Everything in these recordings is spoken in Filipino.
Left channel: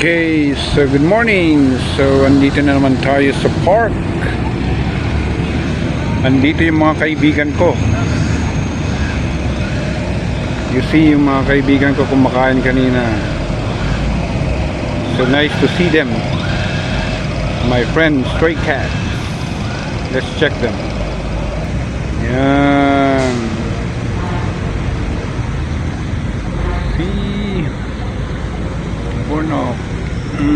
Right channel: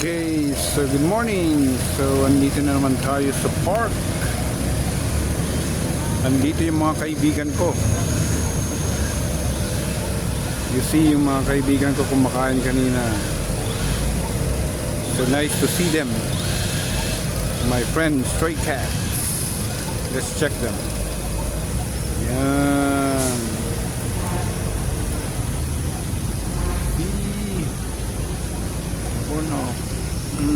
Okay, so good morning. So andito na naman tayo sa park. Andito yung mga kaibigan ko. You see yung mga kaibigan ko kumakain kanina. So nice to see them. My friend Stray Cat. Let's check them. Yan. See. Porno. See.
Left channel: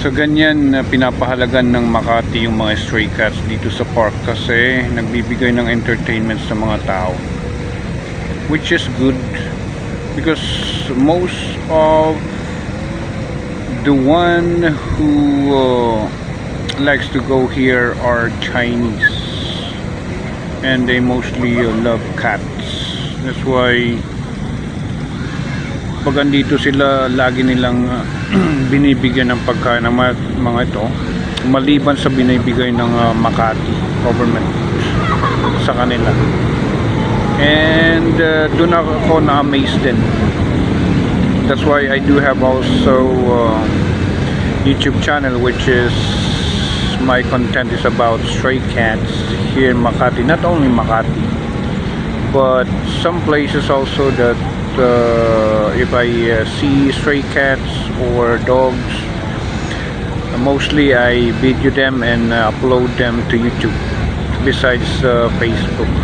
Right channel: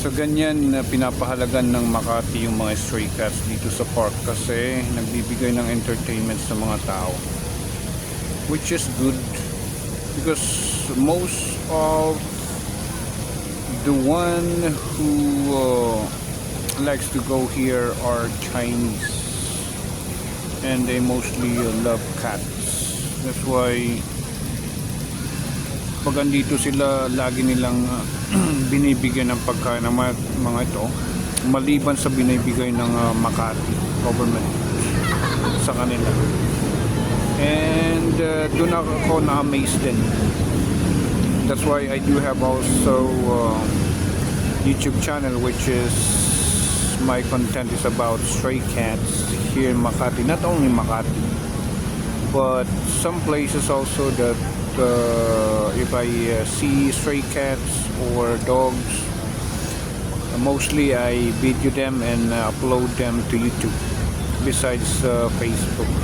So ganyan pinapahalagan ng Makati yung mga stray cats dito sa park kasi nagbibigay ng entertainment sa mga tao, which is good because most of the one who likes to go here are Chinese and they mostly love cats. That's why pag andito sila lagi nilang binibigyan ng pagkain ng mga ito, maliban sa binibigay ng Makati government sa kanila. And doon ako na-amazed din. That's why I do have also YouTube channel which is my content is about stray cats here in Makati. Not only Makati, but some places also that if I see stray cats or dogs, mostly I video them and upload them to YouTube besides Facebook.